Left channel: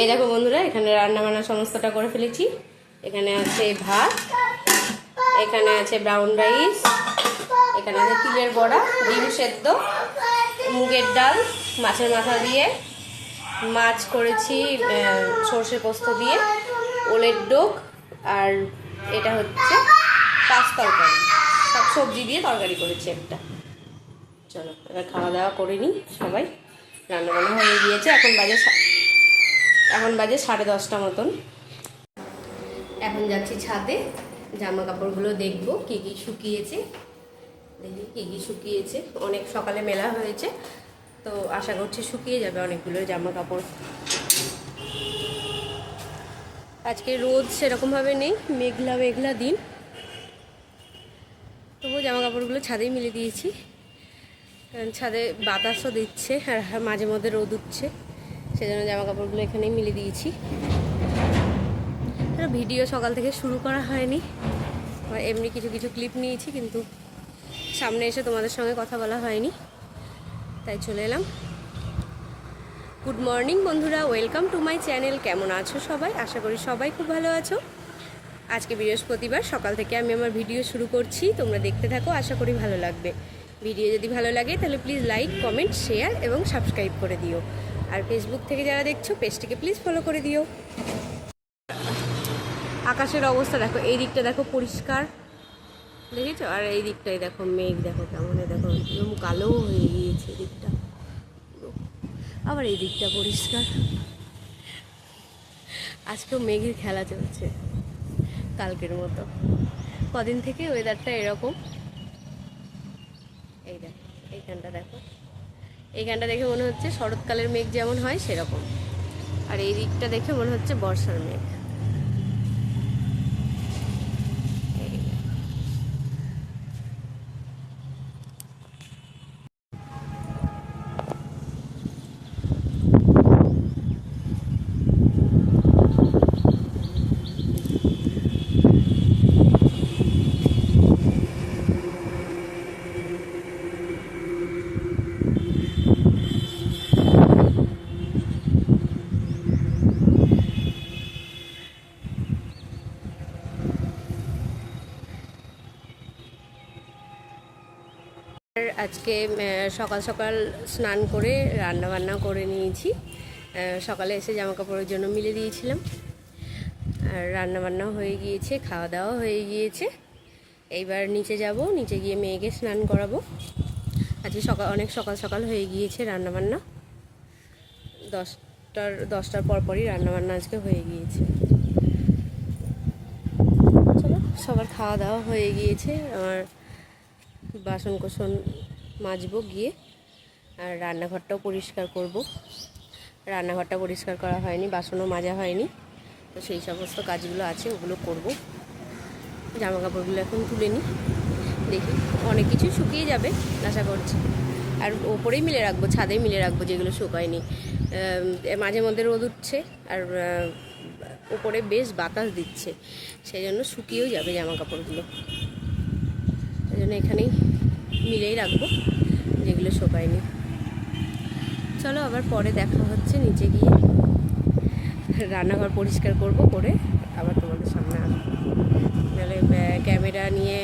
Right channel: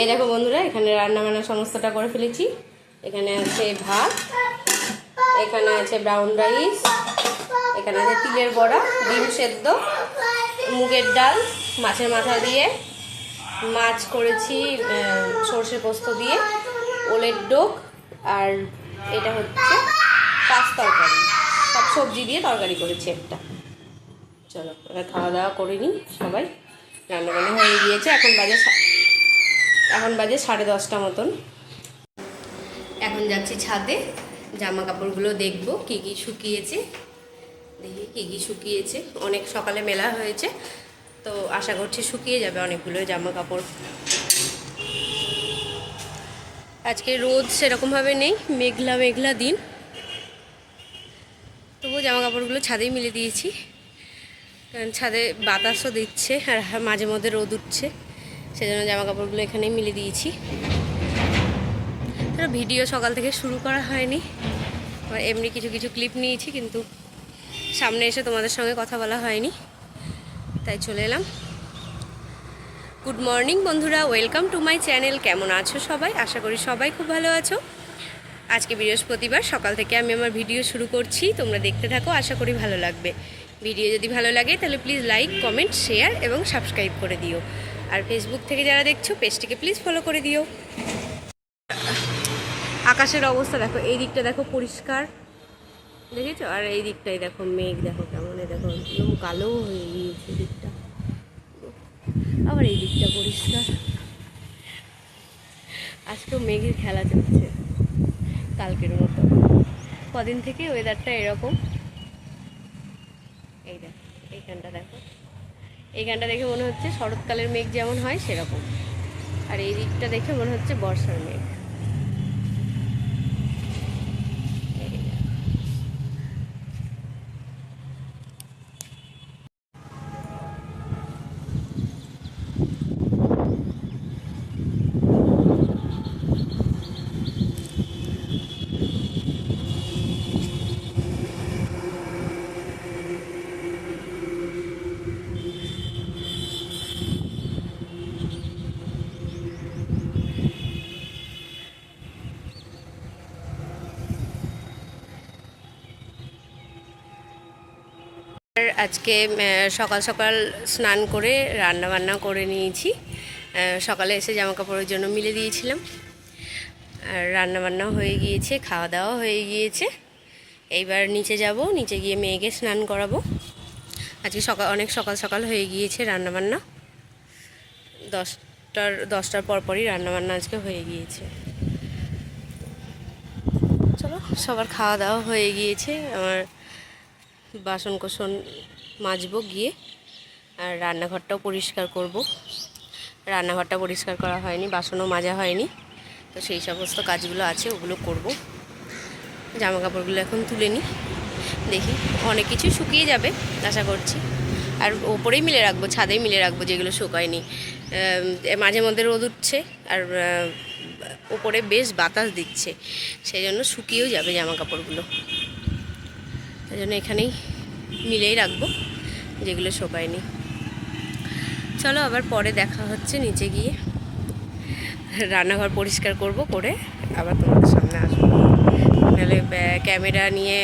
এই দেখো বন্ধুরা, এখানে রান্না বান্না সমস্তটা করে ফেলেছি। এখানে আছে ভাত, এখানে আছে ব্রাউন রাইস, এখানে আছে তিলের বড়া, ডিম সেদ্ধ, মুগের ডাল, মাছের মাথা দিয়ে, মাছ করেছি সর্ষে পোস্ত দিয়ে, ওলের ডোক, আর এটা হচ্ছে পাঁচ তরকারি, সব সবজি দিয়ে তরকারি করেছি একটা। চলো এবার খাওয়া দাওয়া করে নিই সবাই। রান্নাবান্না হয়ে গিয়েছে, এখন বাজে 10:30 মতন। এখন যাচ্ছি ছাদে, জামা কাপড়গুলো দেখবো কী কী শুকিয়েছে, দেখি কী কী শুকিয়েছে। অনেক সকালে মেলা হয়েছে, তো আশা করছি শুকিয়ে যাবে অনেকগুলো জামা কাপড়। আজকে রোদ সেরকমভাবে নেই, মেঘলা মেঘলা দিন, তবুও জামা কাপড়গুলো ছাদেই মিলে দিয়েছি, কারণ ছাদে বাতাসও দিচ্ছে আর মাঝে মধ্যে রোদ উঠছে, সেজন্য জামা কাপড়গুলো এখানেই মিলে দিয়েছি। ভিডিও সকাল থেকে শুরু করা হয়নি, এমনি কিছু কিছু ক্লিপ নিয়েছি, কিন্তু সামনে এসে তোমাদের সঙ্গে কথা বলা হয়নি, তাই চলে এলাম। গুড মর্নিং বন্ধুরা, ওয়েলকাম টু মাই চ্যানেল। কেমন আছো সবাই? আশা করি সবাই খুব ভালো আছো। আজকে বৃহস্পতিবার, সকাল থেকে আমি আমার ভিডিও শুরু করছি, তোমরা দেখতে থাকো, আশা করি ভালো লাগবে। ভিডিও যদি ভালো লাগে তাহলে প্লিজ লাইক, কমেন্ট, শেয়ার এবং সাবস্ক্রাইব করে দিও। আর ফেসবুক থেকে যারা দেখছো পেজটিকে প্লিজ ফলো করে দিও। আকাশের অবস্থা দেখো, এই দিকটা দেখো পরিষ্কার, দেখেছো? আর এই দিকটাই দেখো মেঘ, দেখো কেমন, দেখো একদম কালো হয়ে গিয়েছে দিকটা, আবার এই দিকটা পরিষ্কার। আজকেও মেঘের খেলা চলছে কালকের মতো, কদিন থেকে ওয়েদারটা এরকম। এই দেখো এইখানটা দেখো, এইখানটা দেখে মনে হচ্ছে শরৎকালের মেঘ যেমন হয় সেরকম, আর এই দিকটা দেখে মনে হচ্ছে বর্ষার মেঘ। আজকে সকাল সকাল স্নান করে রান্না বান্না করে নিয়েছি। সকালে এসে জামা কাপড়ের জন্য মিলে দিয়েছিলাম, আর রান্নাবান্নাও হয়ে গিয়েছে, খাওয়া দাওয়া হয়ে গিয়েছে। এইবার নিচে যাব, নিচে গিয়ে মেয়েকে স্নান করাবো। আজকে অনেক সকাল সকাল হয়ে গিয়েছে রান্নাবান্না, 10টার পরপরই রান্নাবান্না আজকে হয়ে গিয়েছে। চলো, সবার খাওয়া দাওয়া হয়ে গিয়েছে, আমার বাসন কোসন মাজবো গিয়ে, আর রান্নাঘরটাও পরিষ্কার করব। রান্নাঘরটা পরিষ্কার করা হয়নি, বাসনও মাজা হয়নি, তো সেই সমস্ত কাজগুলো আছে, ওগুলো করব। জামা কাপড়গুলো এখন তুলে নিই, দেখি অনেক কিছুই শুকিয়ে যাবে আশা করছি। আর ওপরেই মিলে রাখবো, ছাদেই মিলে রাখবো যেগুলো শুকায়নি। মাঝে মধ্যে রোদ উঠছে আর ওপরে বেশ বাতাস দিচ্ছে, সেই জন্য শুকিয়েও যাবে জামা কাপড়গুলো, সেই জন্য এখানেই মিলেই রাখবো যেগুলো শুকায়নি। চলো আবার পরে দেখা হচ্ছে নিচে গিয়ে, রান্নাঘর পরিষ্কার করব, করে আবার তোমাদের সামনে আসবো। নাহলে ক্যামেরা নিয়ে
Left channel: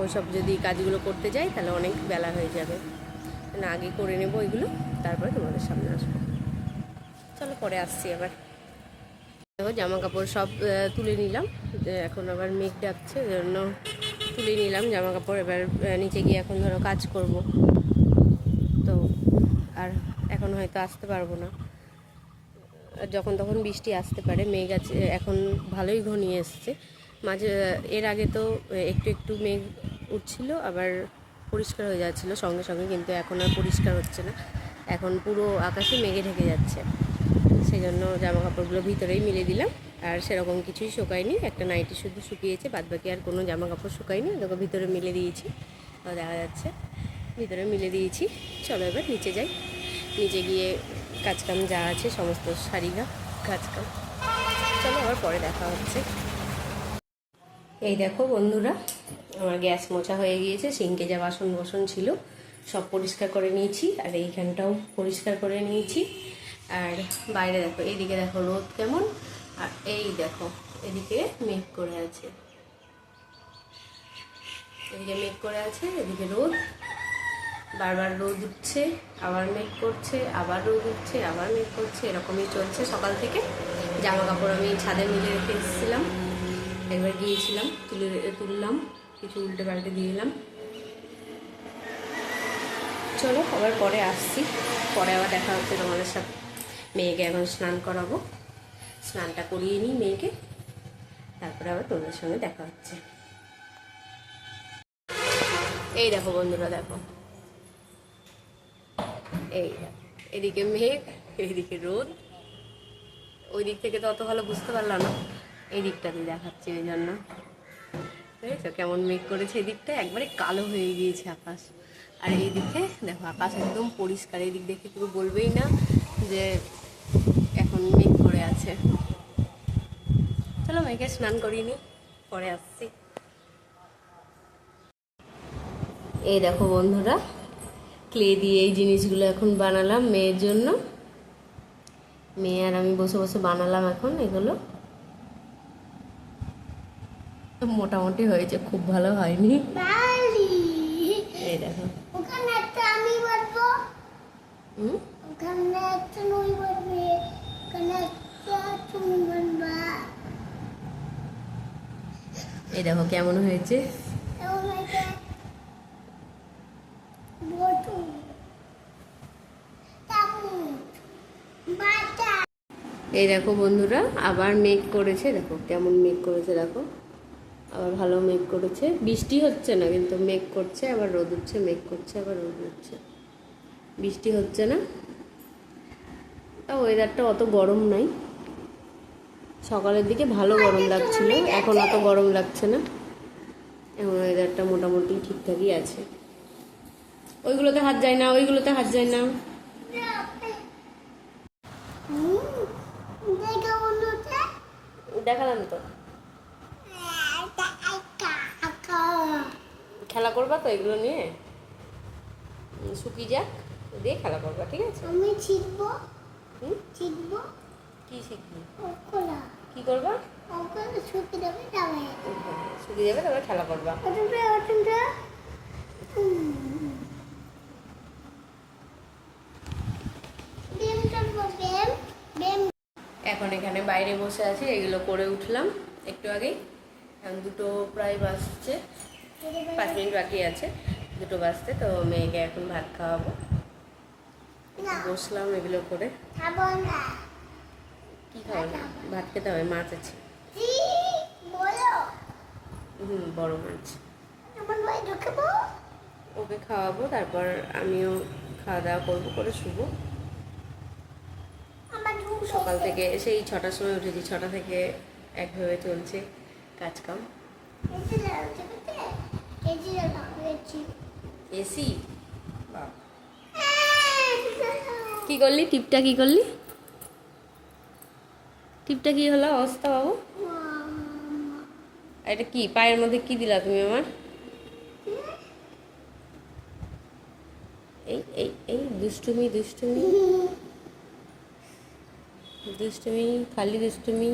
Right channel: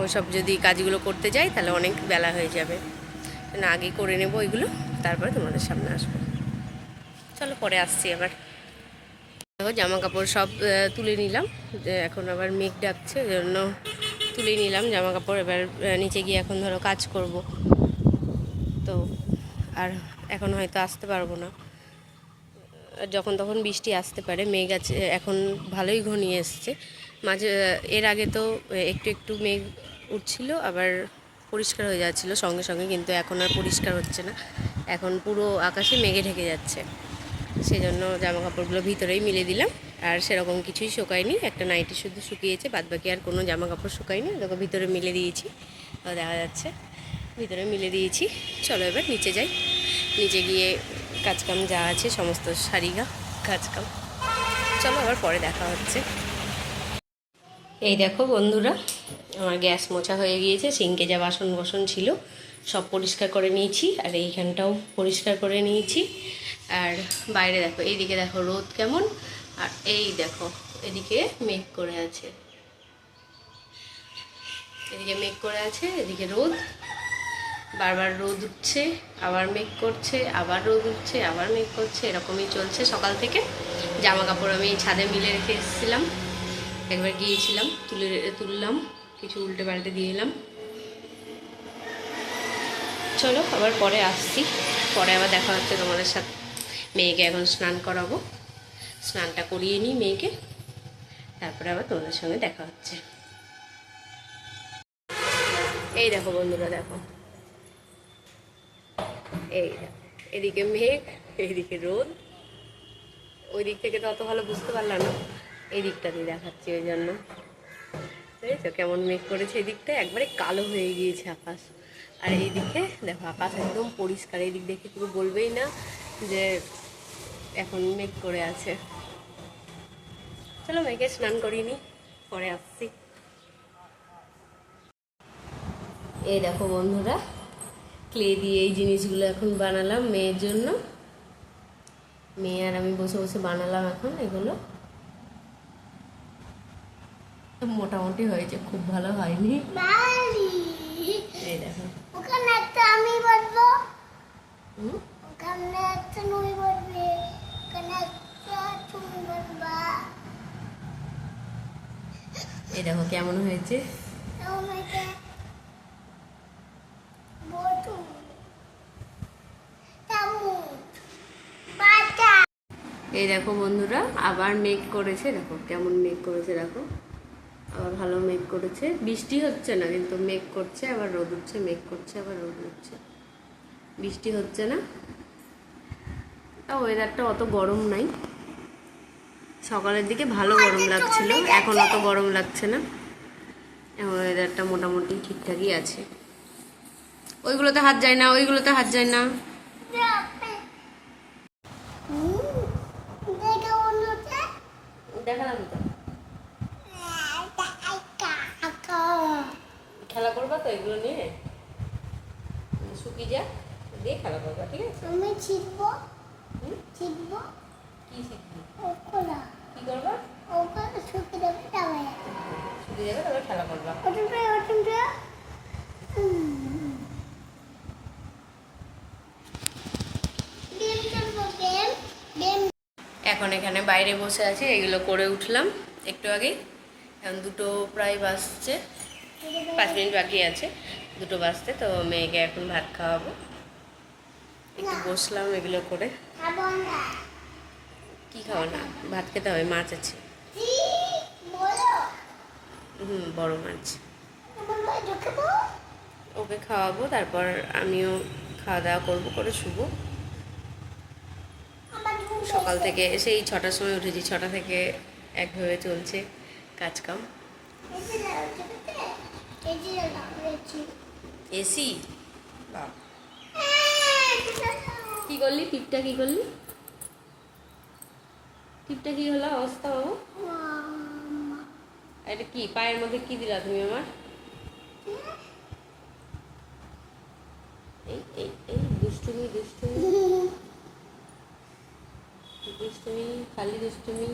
ওইসব যদি কাজগুলো করতে যাই তাহলে অনেক বেলা হয়ে যাবে, না আগেই করে নেব ওইগুলো, তারপরে তোমাদের সামনে আসবো। চলো পরে আসছি আবার। দেখো জামা কাপড় সব তুলে নিলাম, এখন আবার মেঘ ডাকছে, জন্য তুলে নিলাম জামা কাপড়। এবার নিচে গিয়ে এখন ধরো কাজ করব, তো আর এখন হয়তো আসতে পারবো না, যখন তখন বৃষ্টি আসতে পারে। মেঘ আছে এখন, ভালোই ঘনিয়ে এসছে। মাঝে এর আগে তো একটু একটু মেঘ উঠছিল, আবার পরিষ্কার হয়ে যাচ্ছিল সঙ্গে সঙ্গে, কিন্তু এখন আর পরিষ্কার হচ্ছে না, এখন পুরো আকাশে মেঘে ঢেকে যাচ্ছে। সেই জন্য জামা কাপড়গুলো ভিতরেই মিলে দিলাম, আর সেরকম কিছুই শুকায়নি, একটা নাইটি শুধু শুকিয়েছে, বাদবাকি আর কোনো জামা কাপড় শুকায়নি। দেখো ভিতরে মিলে দিয়েছি, দেখা যাচ্ছে ভিতরে মিলে দিয়েছি। চলো এবার নিচে যাই, নিচে গিয়ে কাজকাম যা আছে সমস্ত সারিগা কাজকাম। চলো আবার পরে দেখা হচ্ছে। এই দেখো বন্ধুরা, আমার গ্যাস মোছা হয়ে গিয়েছে, সিঙ্কে যা বাসন ছিল সব পরিষ্কার করে নিয়েছি, আর এইখানটাও পরিষ্কার করে নিয়েছি। আর বাইরে দেখো, এইদিকে দেখো রোদ কেমন, আর এই দেখো এদিকে মেঘ করে আছে, এদিকে মেঘ করে আছে, এদিকে রোদ, বারবার রোদ উঠছে, আবার মেঘ করছে, আবার রোদ উঠছে, আবার মেঘ করছে, এরকমই চলছে সকাল থেকে। জামা কাপড় আমি ছাদে মিলে রেখে এসেছিলাম, একবার গিয়েছিলাম, তুললাম, কিছু উল্টে পাল্টে দিয়ে এলাম। চলো আবার পরে আসছি, পরে আবার দেখা হচ্ছে তোমাদের সাথে। মেয়েকে এখন স্নান করাবো, স্নানটা করিয়ে নিই মেয়েকে, তারপরে আবার তোমাদের সঙ্গে দেখা হচ্ছে। এই দেখো বন্ধুরা, দেখো এই দেখো, এদিকে মেঘ, এইদিকে রোদ। ওই দিক থেকে তো অত ভালো বুঝতে পারলাম না, এই দিকটা দিয়ে দেখাচ্ছি, ওই জন্য। বুঝেছো কেমন মেঘ করেছে, এই দিকটা একবারে কালো হয়ে গিয়েছে আকাশ। আর এই দিকে দেখো আকাশ একদম পরিষ্কার, এই দিক দেখে কেউ বলবেই না যে এখন মেঘ করে আছে। চলো মেঘে স্নান করিয়ে নি, পরে আসছি। এই দেখো বন্ধুরা, ক্লে দিয়ে এই জিনিসগুলো এখন বানালাম মেয়ের জন্য। মেয়ে আর আমি বসে বসে বানালাম এখন এগুলো। মোটামুটি হয়েছে, খুব ভালো হয়নি। এই দেখো, এই দেখো কেমন হয়েছে। এই দেখো বন্ধুরা, আবার মেঘ করেছে, দেখো কেমন মেঘ করেছে, দেখো আবার ভালো মেঘ করেছে। বৃষ্টি হচ্ছে না কিন্তু মেঘ করছে, আবার রোদ উঠছে, মেঘ করছে, আবার রোদ উঠছে, বৃষ্টি হচ্ছে না। তাও ওয়েদারটা অত গরম নাই, সকালের দিকে ভালো গরম লাগছিল, এখন অত গরম লাগছে না, এখন ওয়েদারটা মোটামুটি ঠিকঠাকই আছে। ওইগুলোতে হাত যায় না, ওইগুলোতে হাত যায় না। দেখালাম তো, খেলা করবা তো এগুলো নিয়ে, শুকিয়ে যাক দিয়ে খেলা করবা, ঠিক আছে? আমি শিখবো, শিখবো কি শিখবি, কি করবা? শুকিয়ে যাবে, তবে শুকিয়ে যাবে, তারপরে খেলা করবা। এখন এখানে বাইরে বসে আছি, এগুলো করে উঠলাম একটু আগেই। এখন 2টো প্রায় বাজছে, 5 মিনিট বাকি আছে 2টো বাজতে। তো মেয়েকে এখন ভাত খাওয়াবো, একটু বসলাম এগুলো করে। কি খাওয়া না, ভাত খেতে হবে, মাছ আছে, বড় মাছ। ওকে খাওয়াবো, তারপর আমিও খাওয়া দাওয়া করবো, করে শুবো। সকাল থেকে সেই 6টার সময় উঠেছি, 6টা থেকে একভাবে চলছে কাজকাম। এসি বাবা, কি করলি টিপটা, কি করলি টিপটা, কি হলো অবস্থা বাবু? এটা কি পায়ের মধ্যে কি দিলা তুমি আমার? এই এই এই দুষ্টুমি, দুষ্টুমি, দুষ্টুমি, খালি দুষ্টুমি।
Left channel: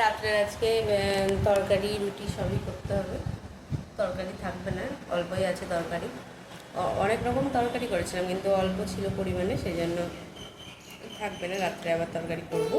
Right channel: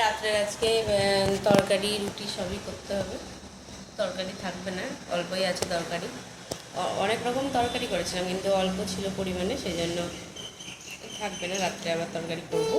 রাত্রে আজকে তরকারি রুটি সবই করতে হবে, তরকারি থাকবে না, অল্পই আছে তরকারি। অনেক রকম তরকারি করেছিলাম কিন্তু অল্প ছিল পরিমাণে, সেই জন্য থাকবে না, রাত্রে আবার তরকারি করব।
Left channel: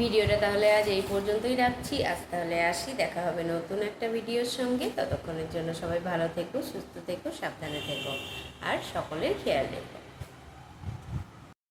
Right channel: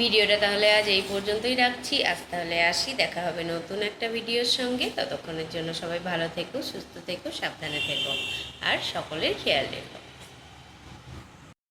ভিডিওটা তাহলে আজ এই পর্যন্তই রাখছি, আজ তাহলে আসি, দেখা হবে নতুন একটা ভিডিওর সঙ্গে। ততক্ষণের জন্য সবাই ভালো থেকো, সুস্থ থেকো, সাবধানে থেকো, আর সকলের খেয়াল রেখো।